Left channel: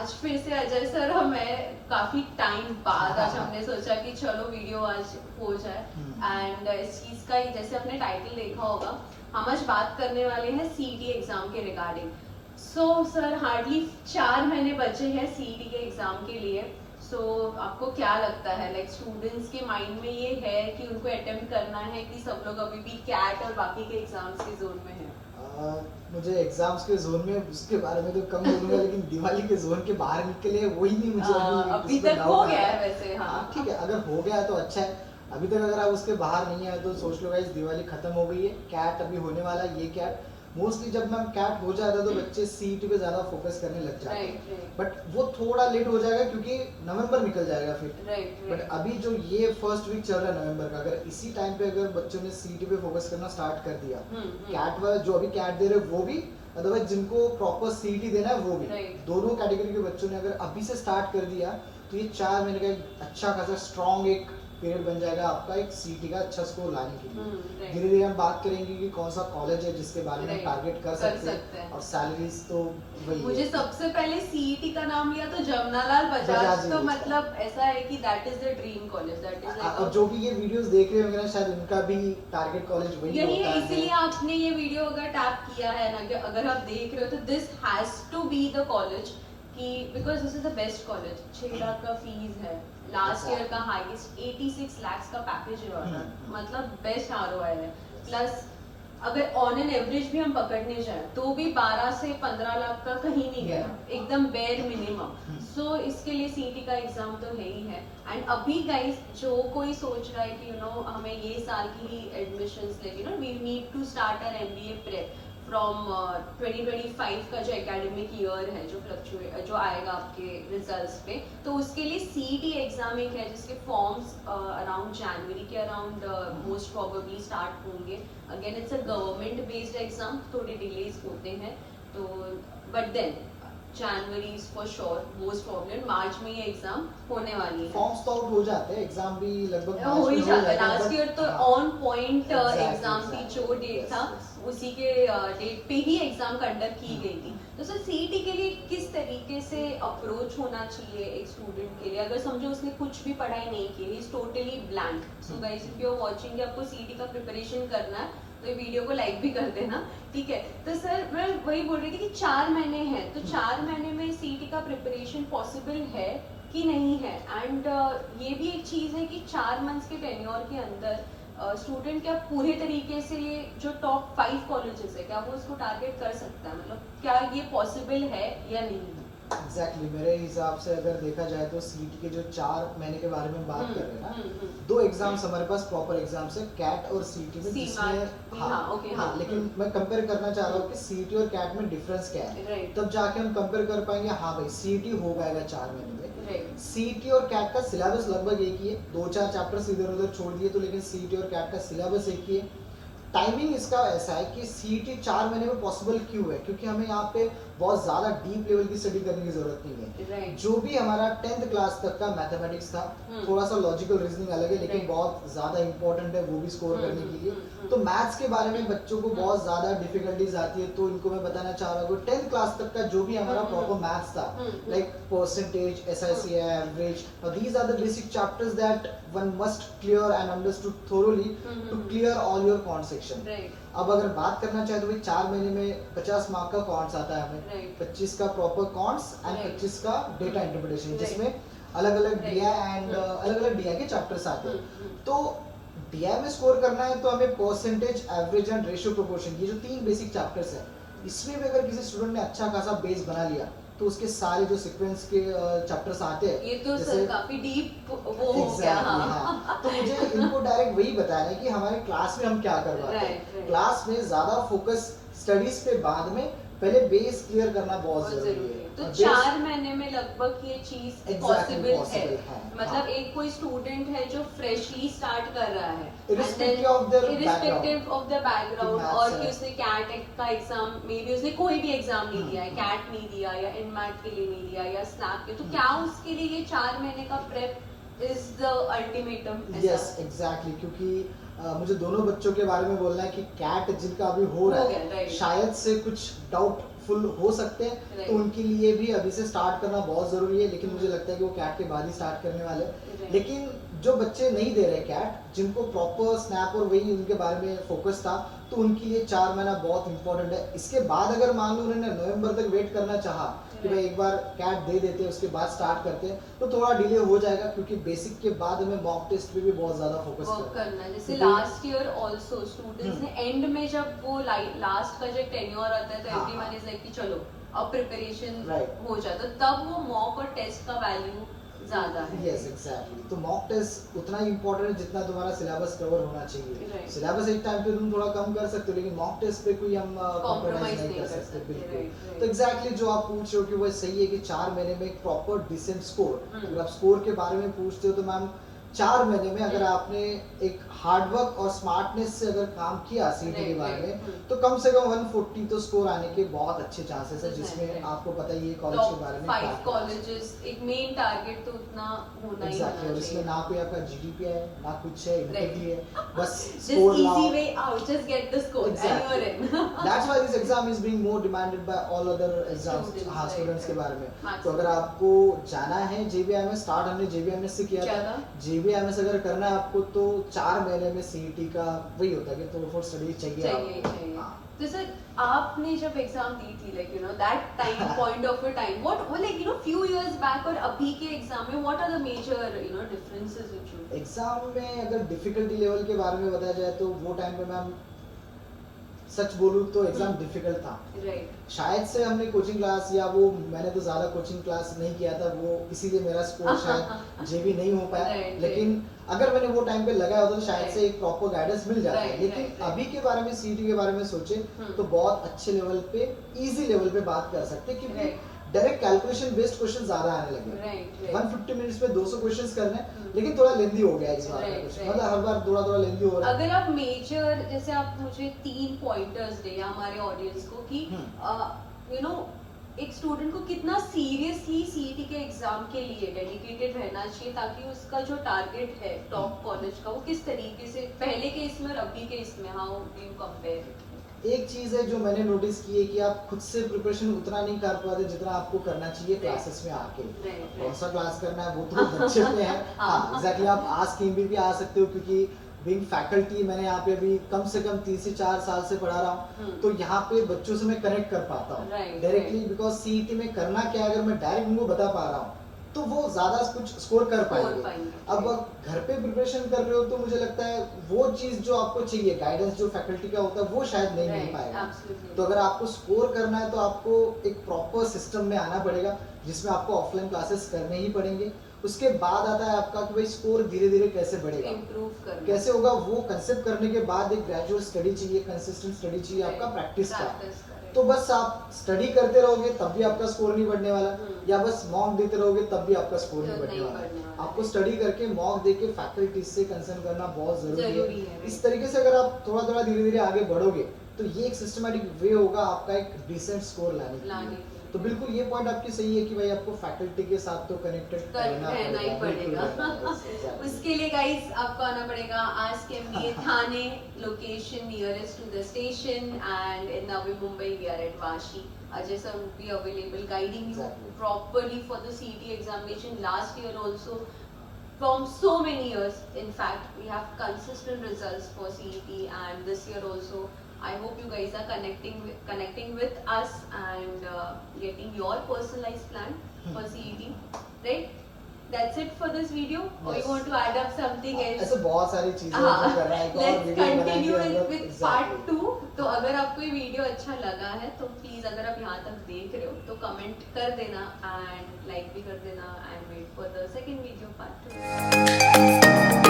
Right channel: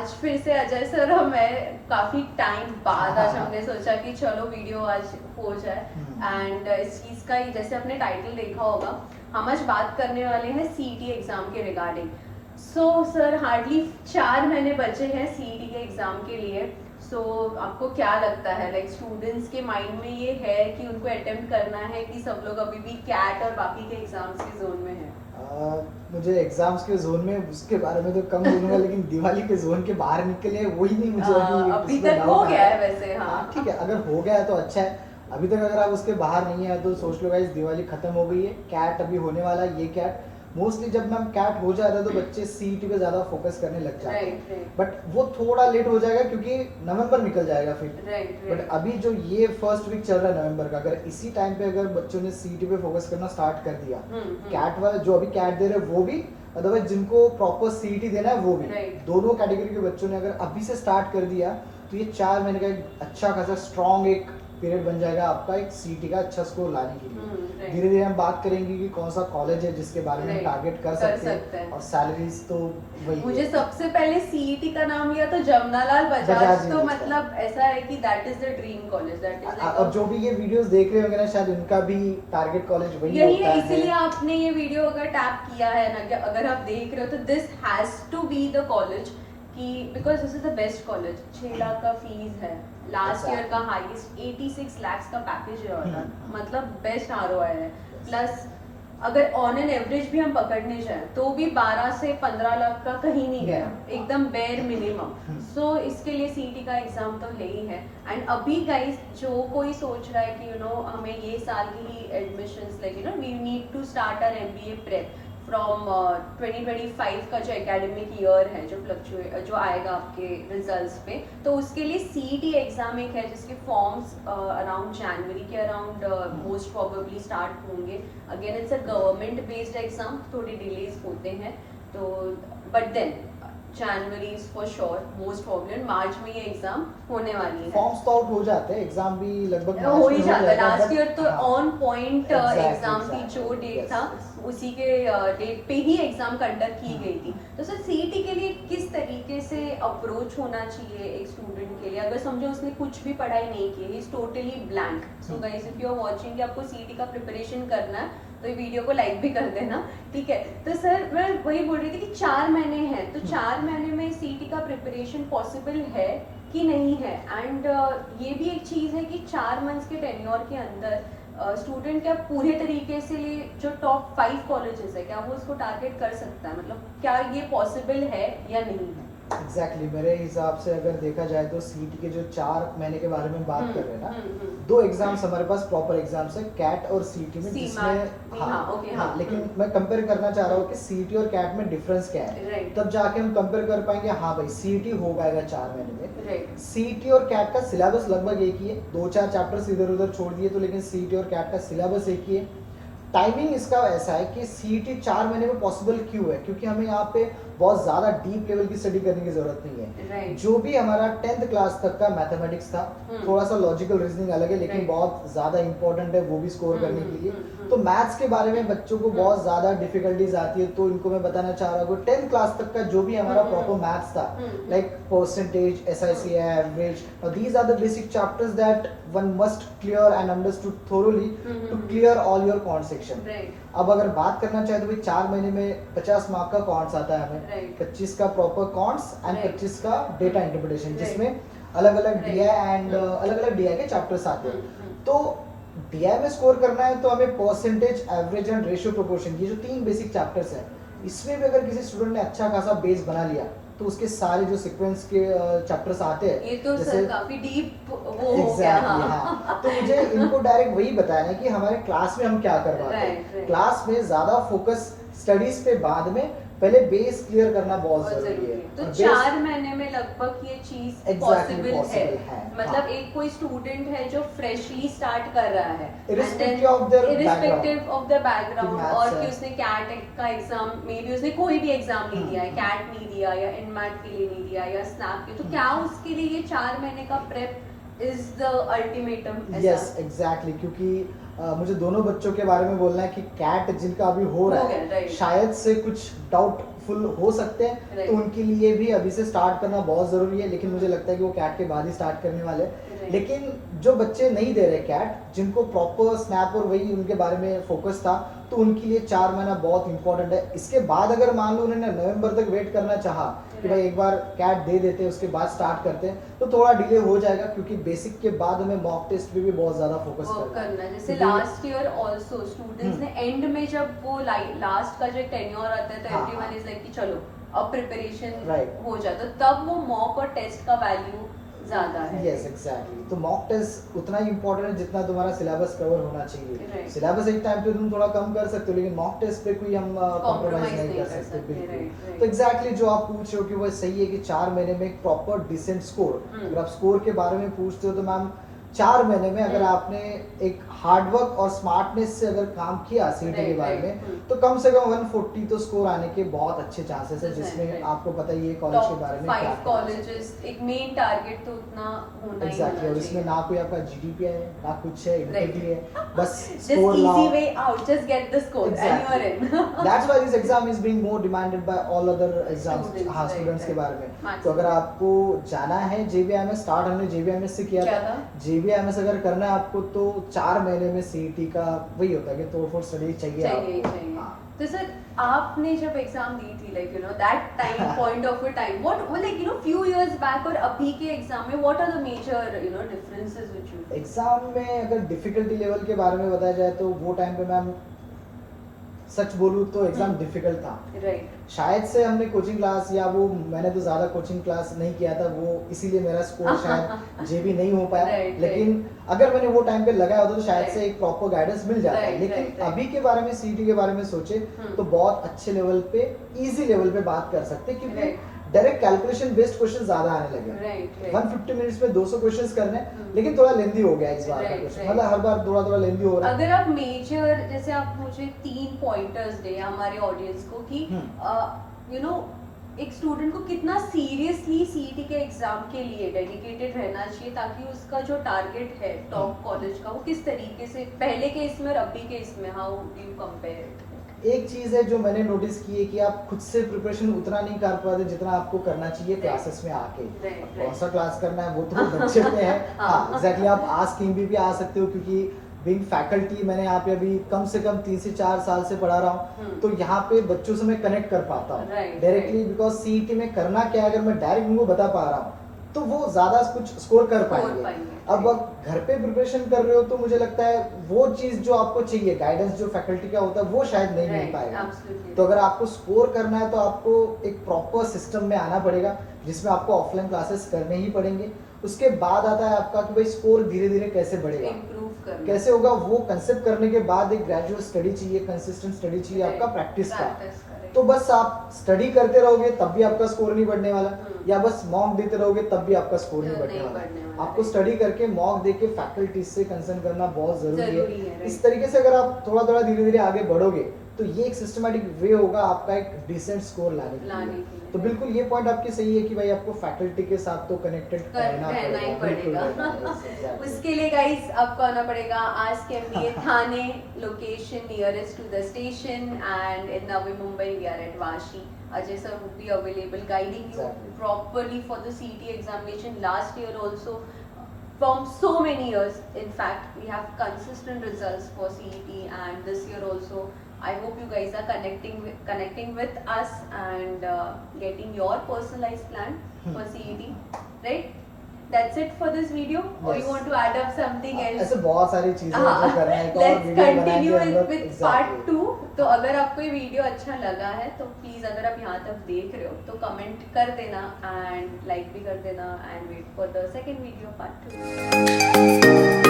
आज फिर से अजय सर और मैं काफी टाइम बाद आज हमने सोचा कि चलो वीडियो आज हो जाए। एंड इस चीज का जैसे आपने टाइटल देखा होगा, हम आज बात करने वाले हैं सीईटी एग्जाम के रिगार्डिंग। सो सर हार्डली 4 महीने बचे हैं सीईटी के एग्जाम के लिए। सो आपको क्या लगता है, लाइक स्टूडेंट्स के माइंड में ये है कि उनको अटेम्प्ट करना है कि सब लोग अभी भी कैट और बाकी के एग्जाम्स के जोन में हैं? मुझे एग्जाम्स के जोन में उसके बारे में तो कम बोलूंगा, लेकिन दिवाली के जोन के बाहर निकले वही नहीं मुझे अभी तक हो गया है वैसे। हाँ ठीक है, अगर हो गया है तो अच्छा है। अभी तक अगर आप उसके बाहर नहीं आए तो सोच लो गाइस, दिवाली खत्म हो गई है, कैट अभी होने वाला है। ये कैट मोस्टली जब मैम कैट हो जाता है तो बच्चे सीईटी पे ज्यादा फोकस करने लग जाते हैं, बट वो थोड़ा लेट हो जाएगा क्योंकि नवंबर निकल जाएगा फिर। बट अभी जो ये फर्स्ट वीक चल रहा है नवंबर का, अगर इसी टाइम पे अगर बच्चों ने सीईटी पे फोकस करना स्टार्ट कर दिया, कैट वाला जो अभी कैट दे रहे वो भी, अदरवाइज जिनको प्रॉपर सीईटी देना है वो भी, दोनों कैटेगरी के बच्चों ने अगर अभी से स्टार्ट कर दिया तो ये 4 महीने का एक अच्छा खासा स्ट्रॉन्ग एक पीरियड बन जाएगा आपका एक सीईटी का अच्छा स्कोर लाने के लिए। धीरे धीरे हम बात करेंगे कि कौन सा कॉलेज है जिसके बारे में टारगेट कर सकते हैं, और सैलरीज तो वही मुझे सबसे पहले सीईटी का नाम लिया तो जमनालाल बजाज, तो मतलब ऐसा है कि that is the dream college, that is like. और जो भी ये वीडियोस देख रहे होंगे ना, शायद उनका भी टारगेट कॉलेज वही यही है, इसीलिए आपने ये वीडियो अगर टैप किया है ना, अगर आप देख रहे हो तो this has to be the college, कि because this is the best college. 6 lakh का फीस है, लास्ट ईयर का हाईएस्ट 86 lakhs का पैकेज है, और मतलब बेस्ट आरओआई है। प्लस अगर ऑन एन एवरेज भी हम पकड़ने जाए तो भी 12 से 15 लाख का कहीं नहीं गया, एकदम बेयर मिनिमम। सो इसके लिए सीईटी का एग्जाम तो है ही है। एंड अभी गाइस जो कोई सोच रहा है कि हमें ये साल की ही admissions, like we need to start our MBA prep from 2025 का जो एकेडमिक ईयर है, जो आएगा आपके रिजल्ट्स पे, तो उसके लिए सीईटी एग्जाम एक है जिसके फॉर्म्स अराउंड जनवरी के अराउंड मोस्ट प्रोबेबली स्टार्ट होंगे। Again it's a government based exam, थोड़े डिलेज होते हैं तो, but then January for sure, most problem मार्च में ये एग्जाम होने वाली है। फॉर्म्स तो आउट हो जाते हैं, एग्जाम भी लगभग हो ही जाता है। लास्ट ईयर तो हाँ, ऑन पॉइंट एग्जाम थी, exactly, जो डेट yes, था yes. उसी के डेट पे ही एग्जाम कंडक्ट की गई थी। तो सर सीईटी के लिए किस तरीके से अप्रोच होना चाहिए एक स्टूडेंट के लिए, अगर समझो उसने कुछ भी पढ़ाई नहीं की, he is totally blank. So guys if you are watching, आपको सीईटी का प्रिपरेशन करना है तो ये वीडियो को लाइक भी कर देना, ठीक है। तो सर मैं वही बोल रही थी कि 4 महीने हैं, तो 4 महीने में सीईटी का प्रिपरेशन पॉसिबल है कि नहीं है? एंड ये भी एक चीज है कि 4 मंथ्स के टेन्योर के अंदर स्टूडेंट क्या पूरे तरीके से जो टॉप 5 कॉलेजेस है, क्या वो उसको टारगेट कर सकता है? मतलब क्या ये पॉसिबल है या नहीं है? एग्जैक्टली मेरे हिसाब से अगर देखा जाए तो सीईटी के जो 4 महीने के बारे में बात कर रहे हैं ना, 2 एग्जाम्स हमारे पास प्रॉपर एग्जाम्स है, कैट और सीईटी में, जिसमें हाँ, लेकिन मैं कंपेयर करना चाह रहा हूँ कि सीईटी और कैट में डिफरेंस क्या है, तब जाके हम कंपेयर कर पाएंगे। हाँ भाई, सीईटी हो पाएगा 4 महीने में। सीईटी और कैट का सिलेबस लगभग एक ही है, 2-4 चैप्टर्स इधर उधर छोड़ दिए तो, लेकिन सीईटी और कैट का सिलेबस एक ही है। टाइमिंग इसका ऐसा है कि सीईटी 4 महीने में पॉसिबल क्यों है, क्योंकि हमें यहाँ पे बहुत ज्यादा डीप लेवल की स्टडी करने की जरूरत नहीं है। जो भी हमारा 10th क्लास तक का मैथमेटिक्स था, थोड़ा सा लॉजिकल रीजनिंग अलग है, लेकिन बहुत ज्यादा इंपॉर्टेंट है वो भी स्कोर करने के लिए। तो मैथ्स के बारे में बच्चों को बहुत ज्यादा डिफिकल्टीज आती है, तो इनको मैं बताना चाह रहा हूँ 10th क्लास तक का जो भी हमारा प्रॉपर मैथ्स था, like percentage, SIC, average, these are the basic chapters that one must clear and understood thoroughly to clear all your quant section. अब अगर बात करना चाहे तो भाई 4 महीने में 50 मार्क का कॉन्ट्स आता है हमें, 25 का प्रॉपर कॉन्ट्स एंड 25 का डेटा इंटरप्रिटेशन, जिसमें अलग अलग डीआई एंड अलग अलग डीआई के चैप्टर्स आते हैं। तो डीआई में स्कोर करना है तो हमें percentage, average and ratio proportion, ये जो 3 बेसिक चैप्टर्स है, इसमें भी अगर किसी स्टूडेंट ने अच्छा खासा बेस बना लिया तो उसके सारे जो सीक्वेंस के चैप्टर्स आते हैं, ये तो जैसे सर काफी डीप वो हो गया। हाँ। तो मुझे इनको डायरेक्ट वही बताना है कि हमारे क्लास में हम क्या करवाते हैं। क्लास में ज्यादा फोकस स्टडीज पे बाद में, पहले बेस क्लियर करना बहुत जरूरी है। तो 4 महीने में लगभग ये चीज पॉसिबल है। मतलब हाँ। एक कोई स्टूडेंट है जो फ्रेशली स्टार्ट कर रहा है, इरिस्पेक्टिव ऑफ द बैकग्राउंड, और कि उसने कैट का एग्जाम, मे बी उसने कोई भी एग्जाम नहीं दिया है, कैट नहीं दिया या इनमैथ के लिए नहीं दिया या स्नैप के, तो क्या उसके लिए ये 4 महीने का prep is the ultimatum? Yes exactly, क्योंकि मुझे दोनों बच्चों के बारे में बोलना है कि कैट जिनका अभी हो रहा हो गया, है right. शायद से कुछ डाउटफुल हो सकते हैं, Right. तो उनके लिए भी अभी से स्टार्ट करना बहुत ज़रूरी है, लेकिन मुझे लगता है कि वो कैट के बाद ही स्टार्ट करने वाले हैं। Right. लेकिन जो बच्चे नहीं दे रहे कैट, जिनको प्रॉपर स्नैप और वही उनके बारे में फोकस था, तो उनके लिए 4 महीना बहुत इंपॉर्टेंट है। इसके बाद अगर मान लो उन्होंने नवंबर तक वेट करना चाहा कि भाई एक बार कैट दे देते हैं उसके बाद स्टार्ट करते हैं, तो थोड़ा डिले हो जाएगा, क्योंकि बेसिक के बाद हमें मॉक टेस्ट पे भी बहुत ज़्यादा फोकस वर्क करना करना है। जैसे क्योंकि- लास्ट ईयर ऑल्सो स्टूडेंट्स ने एंड में जब वो लास्ट का जो टेन्योर आता है तो हाँ, एवरीवन इज लाइक कि चलो अब प्रिपरेशन Right. हो जाए, तो तब वो मॉक और टेस्ट का वैल्यू ज्यादा है। यस एग्जैक्टली, तो मॉक टेस्ट उतना ही इंपॉर्टेंट है जितना तुम्हारा सिलेबस कवर होना चाहिए। Right. सिलेबस एक टाइम पे तुम थोड़ा कम कर सकते हो, लेकिन मॉक टेस्ट पे कोई हम Compromise कॉम्प्रोमाइज नहीं नहीं कर कर सकते सकते, बिल्कुल। right, right. तो एग्जैक्टली जो आप पूछ रहे हो कि वो सही है कि 4 महीने में एक प्रॉपर डिसेंट स्कोर, हम्म। अगर आप स्कोर के बारे में पूछते हो तो मैम 4 महीने में अगर हम्म। आपने एक हार्डवर्क और स्मार्टनेस से अगर काम किया सीटी के Right, बारे right, में, हम्म। तो कम से कम 140 तो स्कोर आने के बहुत अच्छे चांसेस है, Right, जिसमें right. आपको पता ही है कॉलेज के बारे टॉप में 5 क्या कॉलेजेस, एक मेन टारगेट तो उतना होना ही एग्जैक्टली, होना और इसमें चाहिए। ना कोई आपका जीडीपी है ना कुछ है, इंटेग्रिटी है, बस Just स्कोर easy लाओ। way out, just get the score and you are in. That's why this exam is being more demanded by all other exams, Students, हाँ right, स्टूडेंट्स के right. बारे में। Maximum. तो अगर आपको जाना है जेबीएमएस, स्टार्ट हमने जेबीएमएस से किया क्या था। था? जेबीएमएस अगर करना है आपको तो 4 महीने में सीईटी का वही होता है कि तोड़फोड़ स्टडी चाहिए चाहिए आपको। चाहिए। हाँ। तो सर आपने जब एग्जाम दी थी like you know that time point of a time what like you know few years back और अभी के एग्जाम में what are the major you know differences which you exam में अगर डिफिकल्टी लेवल के बारे में बताया जाए तो वो टाइम पे मैम सच बोलूँ तो एग्जाम डिफिकल्ट था। राइट शायद से हमने कोचिंग क्लास या वो मैंने तो ज़्यादा कोचिंग क्लास नहीं किया था, वो इसीलिए मेरा स्कोर शायद जेबी नहीं हो पाया। Right, लेकिन अगर मैंने वो टाइम पे लगाया होता तो शायद Right. से एक प्रॉपर गाइडेंस मिल जाता। Right, लेकिन right, right. अभी के बारे में सीटी के बारे में सोचे तो बहुत अच्छे लेवल पे, इजी लेवल पे बात कर सकते हैं, क्योंकि Right. Direct calculation based question ज्यादा आने लगे। राइट 150 मिनट्स में 200 क्वेश्चंस करने, हम्म। लेकिन थोड़ा लेंदी हो गया इस बार का Right, क्वेश्चन, right. मतलब हर बार थोड़ा थोड़ा लेंदी हो रहा है। अगर आप मेजर जैसे आप मुझे 3 पॉइंटर्स दे हमारे ऑडियंस को कि यू नो एक स्टूडेंट को कितना सीरियसली सीईटी के एग्जाम के लिए डेडिकेटेड रहना चाहिए ताकि उसका जो टारगेट है टॉप कॉलेज का वो किस तरीके से पहले के इसमें और अभी के इसमें हाउ डू यू कंपेयर? एक चीज है जो मैंने नोटिस की है कि आप खुद से प्रिपरेशन उतना नहीं कर पाते जितना आपको करना चाहिए क्लासेस में आके। Right, अब कौन right. सा क्लास करना है वो तो बच्चे पे है। हाँ एग्जैक्टली, आप आस्क हिम भी आ सकते हो, क्योंकि बीइंग फैकल्टी मैंने यहाँ पे अभी कम से कम 3 से 4 साल से पढ़ा रहा हूँ, तो यहाँ पे बच्चों से मैं कनेक्ट कर पाता हूँ Right, directly, right. Because CET में करना क्या है अगर मैं डायरेक्ट उनको बता पा रहा हूँ तो वो ज्यादा कुछ स्कोर कर पाएंगे। अब घर पे प्रिपरेशन कर रहे हो तो मुझे लगता है वो चीज जो आपको चाहिए, गाइडेंस जो फैकल्टी का होता है वो शायद नहीं मिल पाएगा। तो अगर आपको स्कोर करना है तो आपको एक प्रॉपर सिस्टम में आना पड़ेगा, जिसमें आपको ऑफलाइन क्लासेस करने ही पड़ेंगे। उसके बाद आता है आपका कि भाई स्कोर धीरे धीरे कैसे बढ़ेगा, इम्प्रूव करना कैसे होगा, वो कंसेप्ट करने के बाद एक ग्रेजुअल स्टडी चाहिए, कंसिस्टेंट स्टडी चाहिए आपका प्रैक्टिस का। तो बस आप स्टडी करते रहोगे तब भी आपका स्कोर नहीं बढ़ने वाला, या बस मॉक देते रहोगे तब भी आपका स्कोर नहीं बढ़ने वाला। आपको स्टडी करके मॉक देके फैकल्टी से कंसर्न करना बहुत जरूरी है। इस तरीके से अगर आप थोड़ा थोड़ा धीरे धीरे आगे बढ़ोगे तो ये एक सिस्टमैटिक वे होगा आपका एक डिसेंट स्कोर लाने के लिए। तो बिल्कुल ये पॉइंट आपकी सही है कि भाई आपको फैकल्टी के साथ तो कनेक्टेड रहना ही पड़ेगा। पड़ेगा। उसके लिए गाइस आपको आना पड़ेगा ask MBA Thane, location nearest to the station, and in Navi Mumbai we are at Vashi. Ajay sir will be available guiding you Exactly. properly for the CET examination. Last year also, from so many years, in fact, we have consistent results for CET, and this year also. I hope you guys are connecting with us and getting your personalized plan for CET, right? That's it for this video. Or you Yes. want to add up something else? ऐसे बहुत सारी चीजें हैं जो करना है, एक और Let's वीडियो बनाएंगे continue हम लोग। with part 2. तो अगर आपको ये वीडियो अच्छा लगा है तो प्लीज अगर आप यहाँ तक देख रहे हो तो कमेंट कर देना एंड लाइक भी कर देना, and wait for the second video part 2.